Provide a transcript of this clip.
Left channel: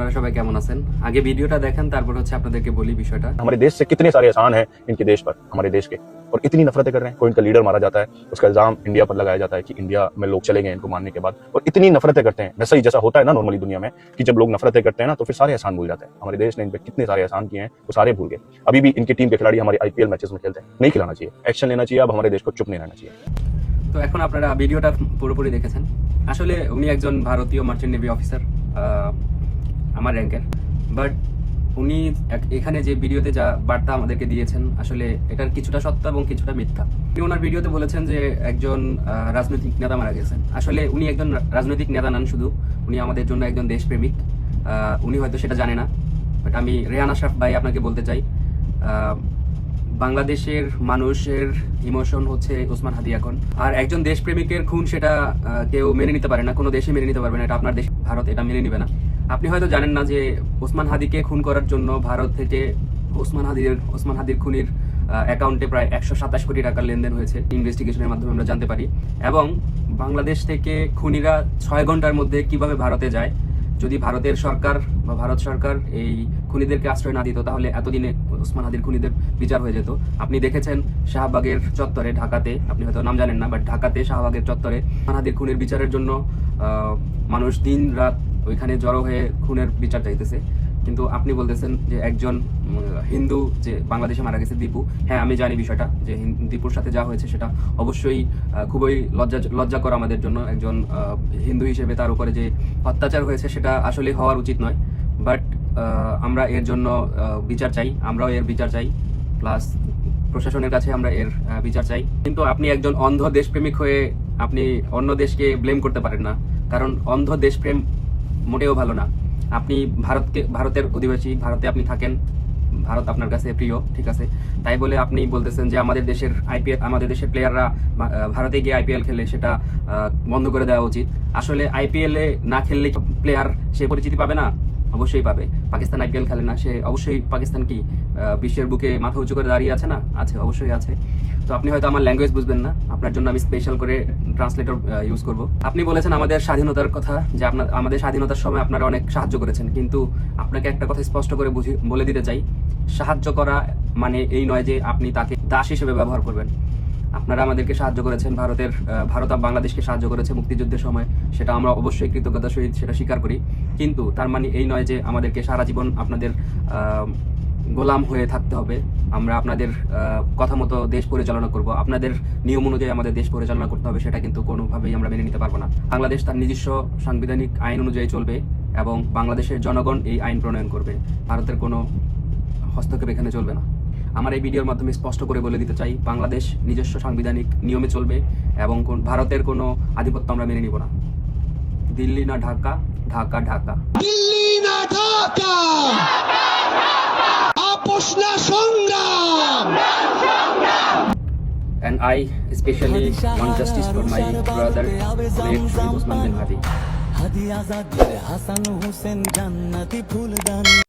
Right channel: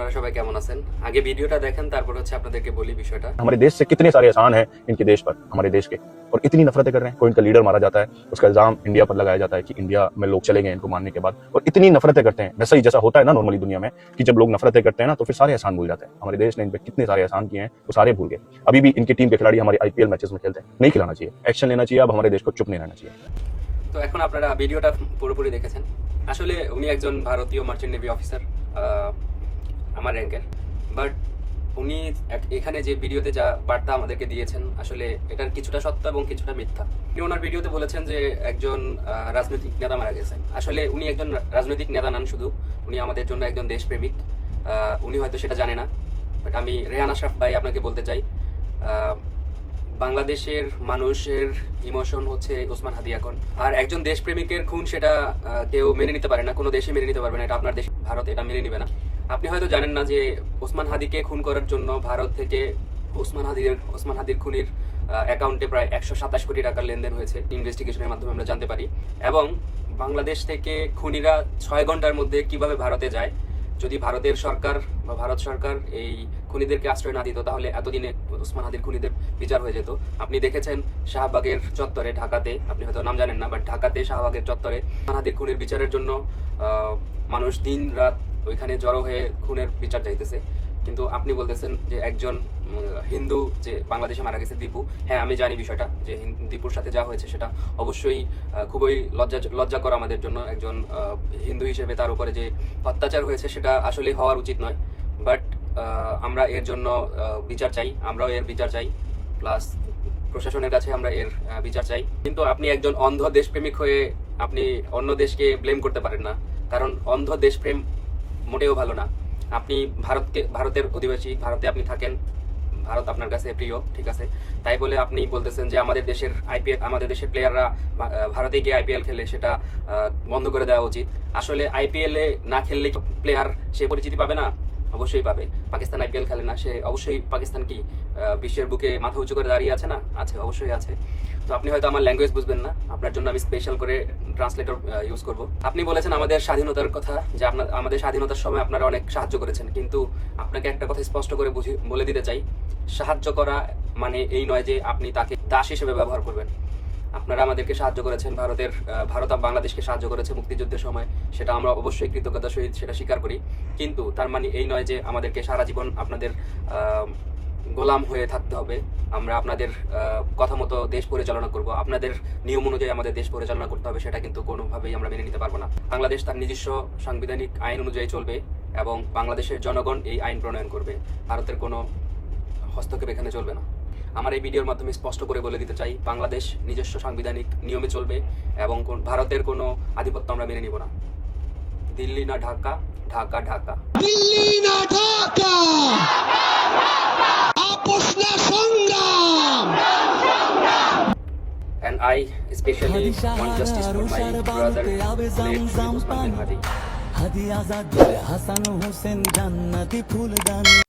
আপনারা সবাই কেমন আছেন? আগে ভিডিওটা দেখেন, তারপর হচ্ছে আপনাদেরকে বলি বিষয়টা। हमारे देश से कितने सारे एहसान हैं इनके देश पर, हमारे देश के, और इतनी नफरतें कर रहे हैं। कोई इनका लीडर मारा जाता है, उसका इल्जाम इंडिया पर लगाया जाता है कि इंडिया में लोग चले गए इनको मारने के बाद, और इतनी नफरतें करते हैं। वैसा ही जैसा होता है ना नॉर्मली दुनिया में कि जब लोग नफरतें करते हैं ना तो फिर सारे एहसान भूल जाते हैं। हमारे देश ने इन पे कितने सारे एहसान किए हैं वो सारे भूल गए। अभी भी इनकी टीम के खिलाड़ी हमारे आईपीएल मैचेस में खेलते हैं। नहीं खिलाना चाहिए, एक्शन लेना चाहिए। अब हमारे देश को चुप नहीं रहना चाहिए। তো এখন আপনারা ভিডিওটা পুরোপুরি দেখেছেন। আসলে উনি একজন ভারতীয় মার্চেন্ট নেভি অফিসার, আমার র্যাঙ্কের। বাট উনি এখানে যে ভিডিওতে যা বার্তা আমাদেরকে দিয়েছেন, আসলে এটার কিছুটা সত্য এবং কিছুটা মিথ্যা। উনি ওনার ভিডিওতে বলেছেন যে একজন রাজনৈতিক নেতা মারা গেছেন। আসলে উনি একজন রাজনৈতিক নেতা নন, শুধু উনি আমাদের জন্য একজন দেশপ্রেমিক। উনি হয়তো সেটা জানে না, বাট আমি রেহান আশরাফ ভাই আপনাকে বলতে চাই, বাংলাদেশের মানুষের ইমোশন হচ্ছে ওসমান হাদি এখন। আর একজন দেশপ্রেমিকের খুন সেটা কেউ মেনে নিতে পারে না, কোনো দেশই মেনে নিতে পারবে না। এটা আপনার দেশ ভারত এটা মেনে নিবে না। আপনি হয়তো জানেন না যে ওসমান হাদিকে খুন করার জন্য ভারত থেকে ওসমান হাদির খুনির অ্যাকাউন্টে প্রায় 127 কোটি টাকার লেনদেন হয়েছে। ইনভেস্টিগেশনের মাধ্যমে আমরা জানতে পারি। এবং বাংলাদেশ থেকে খুনিরা 6 ঘন্টার মধ্যে কিভাবে ভারতে যায়, যদি ভারতের সরকার বা ভারত সরকার এই খুনিদেরকে আশ্রয় না দিত, তাহলে এতদিনে ওসমান হাদির খুনিদের বিচার হয়ে যেত। আপনি দেখেছেন শাহবাগের চত্বরে, ঢাকাতে, আপনি হয়তো নাম জানেন না, বাট ঢাকাতে শাহবাগের চত্বরে ওসমান হাদির খুনের বিচারের জন্য মানুষ দিন রাত ওইখানে জড়ো হয়ে খুনের বিচার চাইতেছে। কিন্তু আপনি বলতেছেন যে একজন হিন্দু যে বাংলাদেশে মারা গেছে, দীপু। হ্যাঁ, আমি জানি বিষয়টা, যে দীপুর সাথে যা হয়েছে সেটা অবশ্যই খুবই লজ্জাকর আমাদের জন্য। একজন হিন্দু হিসেবে তার উপরে যে অত্যাচার হয়েছে সেটা আসলে হওয়ার উচিত নয়। বাট আমরা এর জন্য বিচার চাই, আমরাও এর বিচার চাই, প্লাস প্রশাসনের কাছে আমরা এর বিচার চাই। কিন্তু আপনি একজন অন্ধ দেশপ্রেমিক হয়ে আপনি অন্য দেশকে ব্লেম করতে পারেন না, কারণ অন্ধ দেশপ্রেম মোটেও ভালো না। আপনি ভারতের অধিবাসী, ভারতে আপনি থাকেন, ভারত আপনার কাছে প্রিয়, ঠিক আছে। তাই বলে আপনি বলতেছেন যে আমাদের দেশের প্লেয়াররা ভারতে গিয়ে আইপিএল খেলে, সেটা বন্ধ করে দেওয়া উচিত। আসলে আইপিএলে না খেললে প্লেয়ার সে পরিচিতি পাবে না? অবশ্যই পাবে। পাকিস্তান আইপিএল খেলে না, সে অবশ্যই পাকিস্তান কি বিশ্বের বুকে মাথা উঁচু করে দাঁড়িয়ে আছে না? আছে, অবশ্যই আছে। তো আপনি হয়তো আমার ল্যাঙ্গুয়েজ বুঝবেন না, আপনার জন্য আমি স্পেশাল করে ট্রান্সলেটর ইউজ করব। আপনি বলেছেন আমাদের স্বাধীনতার কথা, যে আমাদের স্বাধীনতার সময় আপনারা অনেক সাহায্য করেছেন। কিন্তু আপনাকে একটা কথা স্পষ্ট করে বলে দিতে চাই, সাহায্য করা মানে এই নয় যে আপনি তাকে দাস হিসেবে ব্যবহার করবেন। আপনারা আমাদেরকে সাহায্য করেছেন, ভারত বাংলাদেশকে সাহায্য করেছে মুক্তিযুদ্ধের সময়, সেটা আমরা অবশ্যই কৃতজ্ঞতার সহিত সেটা স্বীকার করি। কিন্তু তার মানে এই নয় যে আমাদেরকে সারা জীবন আপনাদের গোলাম হয়ে থাকতে হবে। আমরা আপনাদের কথা মতো দেশ পরিচালনা করব, আপনাদের নিয়ম অনুযায়ী আমাদের দেশ পরিচালনা করতে হবে, সেটা কিন্তু কোনোভাবেই আমরা মেনে নিতে পারবো না। বাংলাদেশ তার নিজস্ব সাংবিধানিক আইন অনুযায়ী চলবে এবং বাংলাদেশের জনগণ এই আইন প্রণয়ন করবে। ভারতের কোনো হস্তক্ষেপ এখানে চলবে না। আমার এই ভিডিওর মাধ্যমে স্পষ্ট করে বলে দিতে চাই, বাংলাদেশ নিজস্ব সাংবিধানিক নিয়মে চলবে এবং ভারতের কোনো আধিপত্য আমরা মেনে নিব না। দিল্লি না ঢাকা, ঢাকা ঢাকা। দিল্লি না ঢাকা, আপোষ না সংগ্রাম। And I especially হাদি সাহারার উষার বালুতে আবে জামজাম পানি, হাদি আজাদের হাসান হোসেন জান্নাতি ফুলদানি।